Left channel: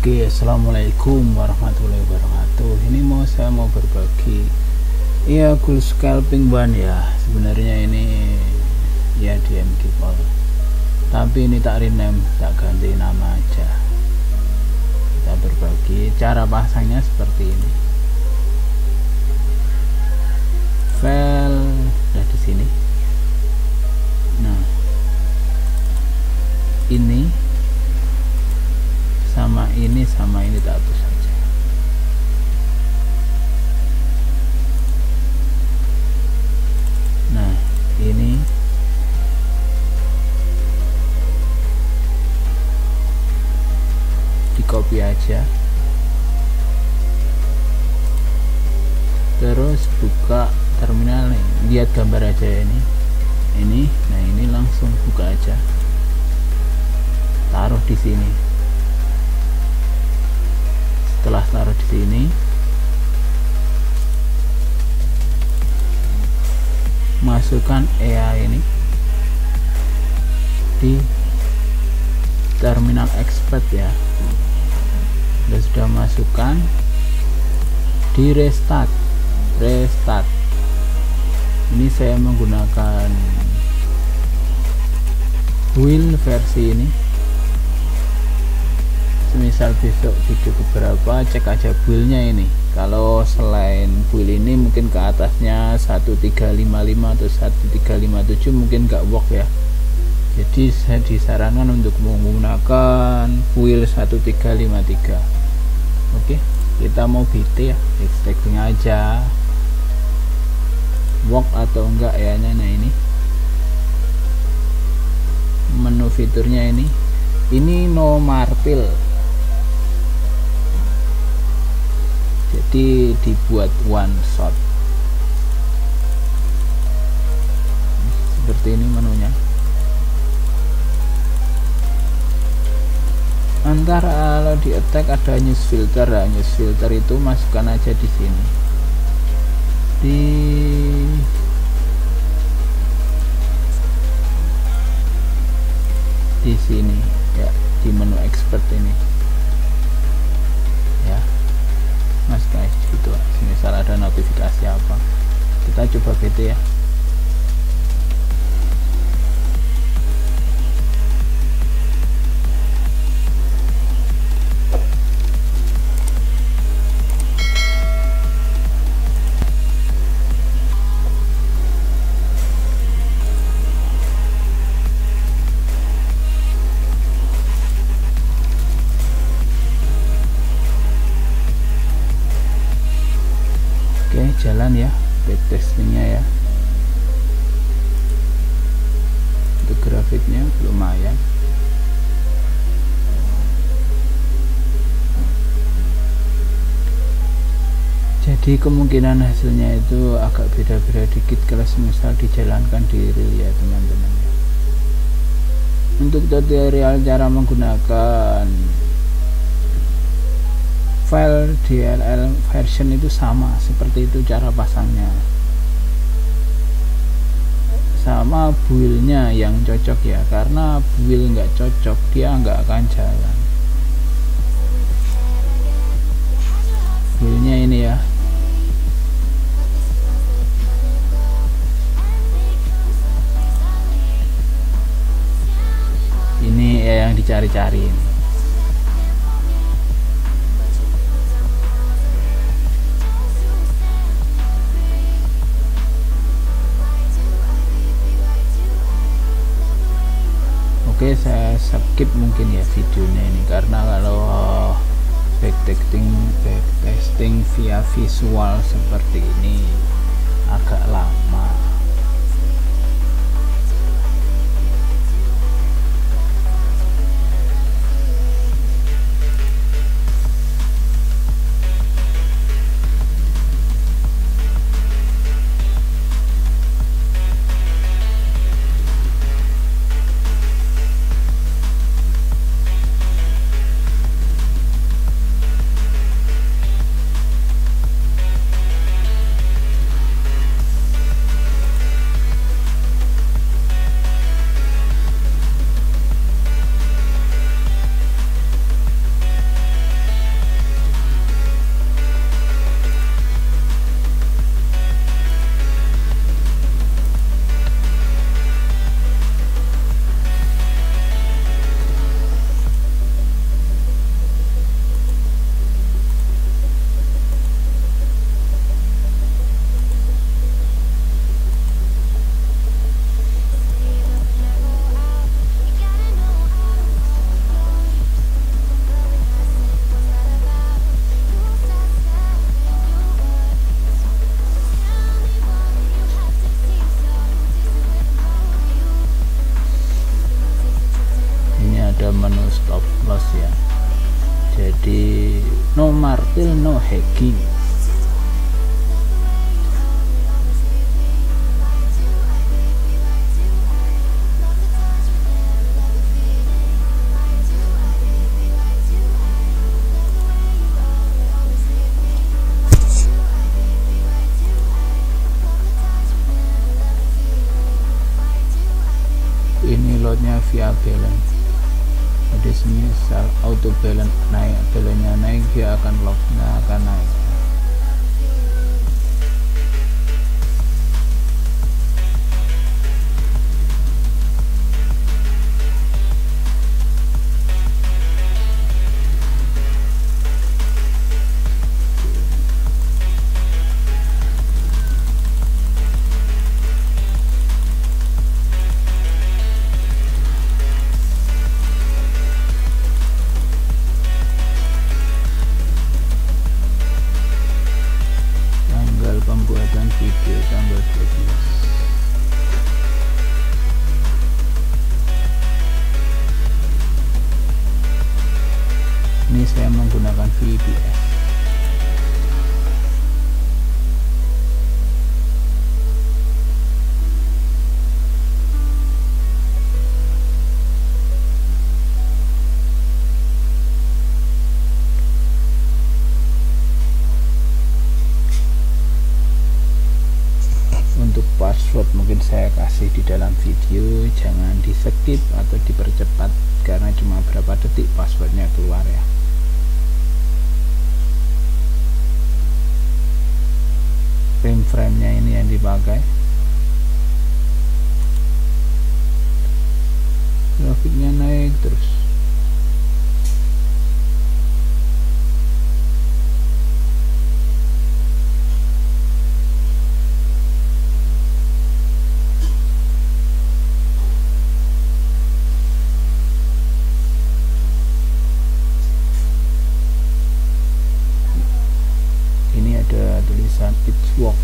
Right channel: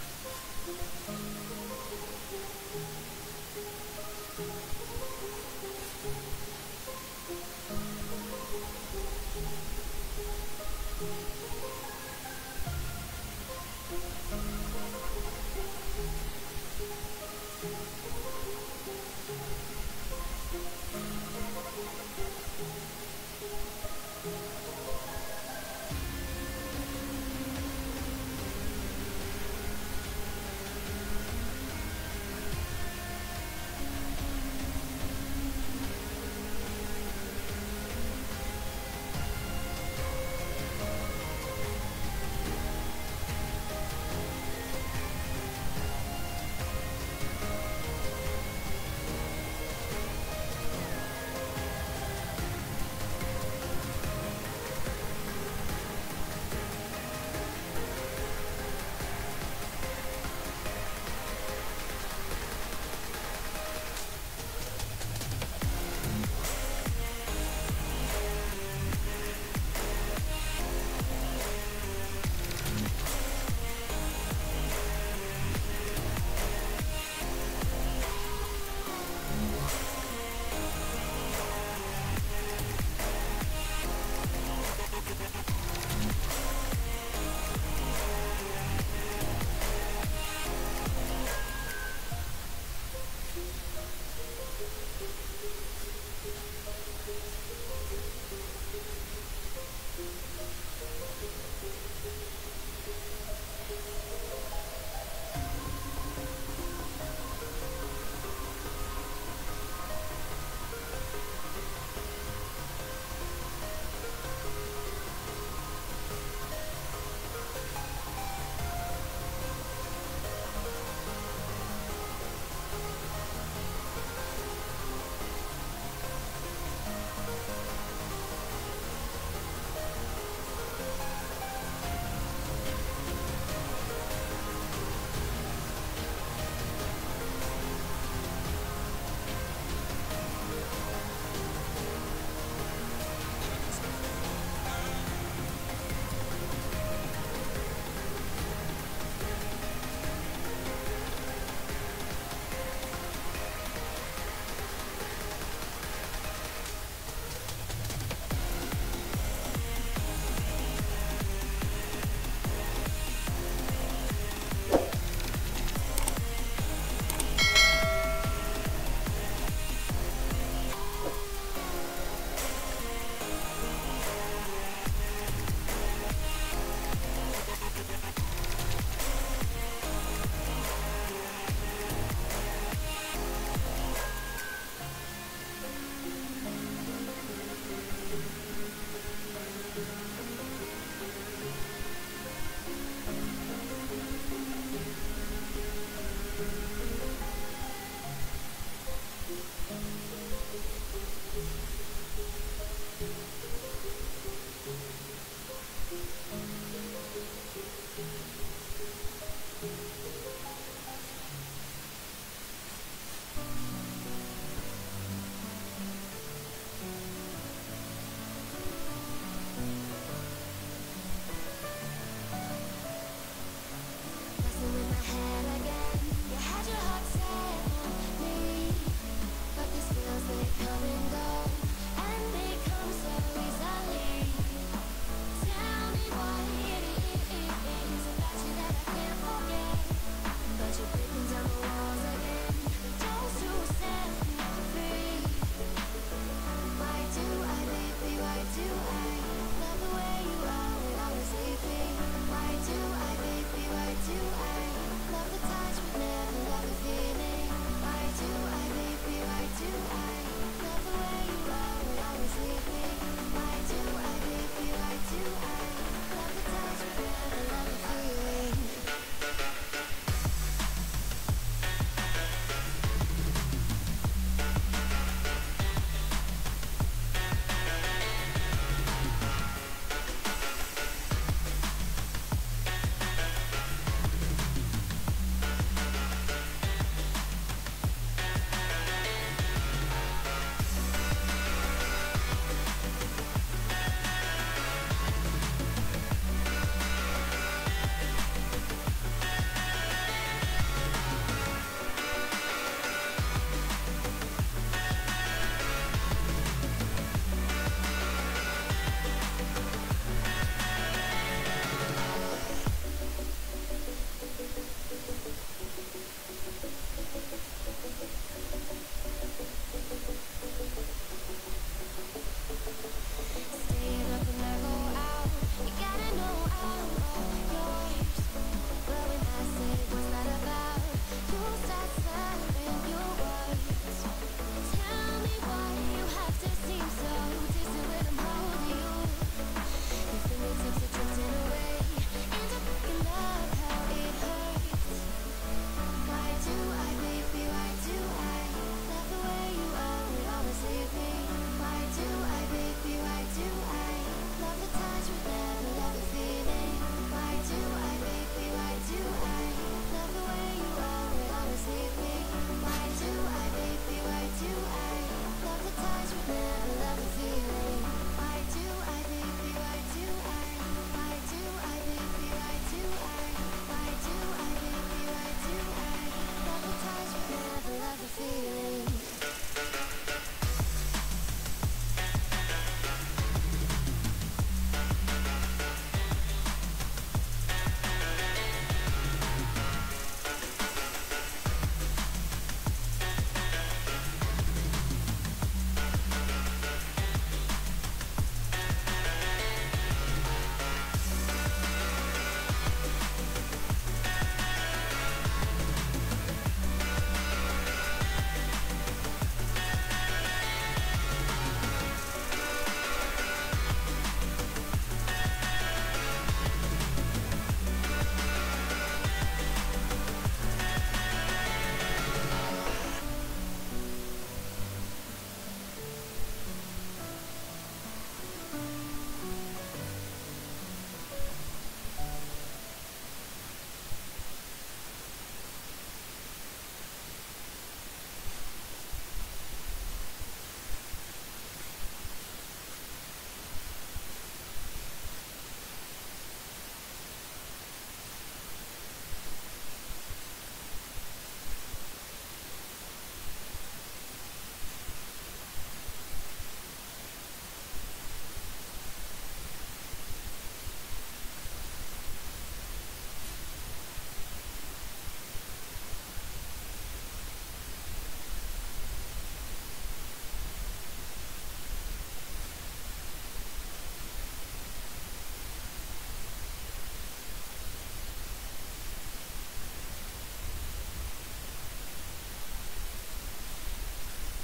Oke, assalamualaikum warahmatullahi wabarakatuh. Ini saya mau berbagi ya cool scalping ban ya. Sebenarnya ini ya DMG Power, tapi ini tak rename, tak ganti nama aja. Kita berbagi cara pasangnya seperti ini. File udah di sini. Nah, ini sama ini tak hapus saja. Nah, ini di copy aja, terus buka terminal, lihat gambar aja ini. Nah, ini langsung buka aja, taruh di sini. Setelah taruh di sini, masukkan EA ini di terminal expert ya. Sudah masukkan di restart. Ini saya menggunakan wheel versi ini. Misal besok butuh beberapa, cek aja build-nya ini. Kalau selain build ini mungkin ke atasnya 1355 atau 1357 mungkin nggak work ya. Jadi saya disarankan untuk menggunakan build 1353. Oke, kita mau BT ya, checking aja work atau enggak ya. Nah, ini menu fiturnya ini no martil, jadi dibuat one shot seperti ini menunya. Antar kalau di attack ada news filter. Nah, news filter itu masukkan aja di sini, di sini ya, di menu expert ini ya mas guys. Gitu, misal ada notifikasi apa, kita coba BT ya. Oke, jalan ya backtestingnya ya. Untuk grafiknya lumayan. Jadi kemungkinan hasilnya itu agak beda-beda dikit kalau misal dijalankan di real ya teman-teman. Untuk tutorial cara menggunakan file DLL version itu sama seperti itu cara pasangnya, sama build-nya yang cocok ya, karena build nggak cocok dia nggak akan jalan. Build-nya ini ya, ini ya yang dicari-cari. Oke, saya skip mungkin ya videonya ini, karena kalau backtesting via visual seperti ini agak lama. no martil no hacking. Ini loadnya via balance, jadi sini saat auto balance naik, balance naik dia akan lock, nggak akan naik. Pembuatan video tanggal 12. Ini saya menggunakan VBS. Untuk password mungkin saya kasih di dalam video, jangan di skip atau dipercepat karena cuma berapa detik passwordnya keluar ya. Frame-nya ini yang dipakai, grafiknya naik terus. Ini ada tulisan it's work.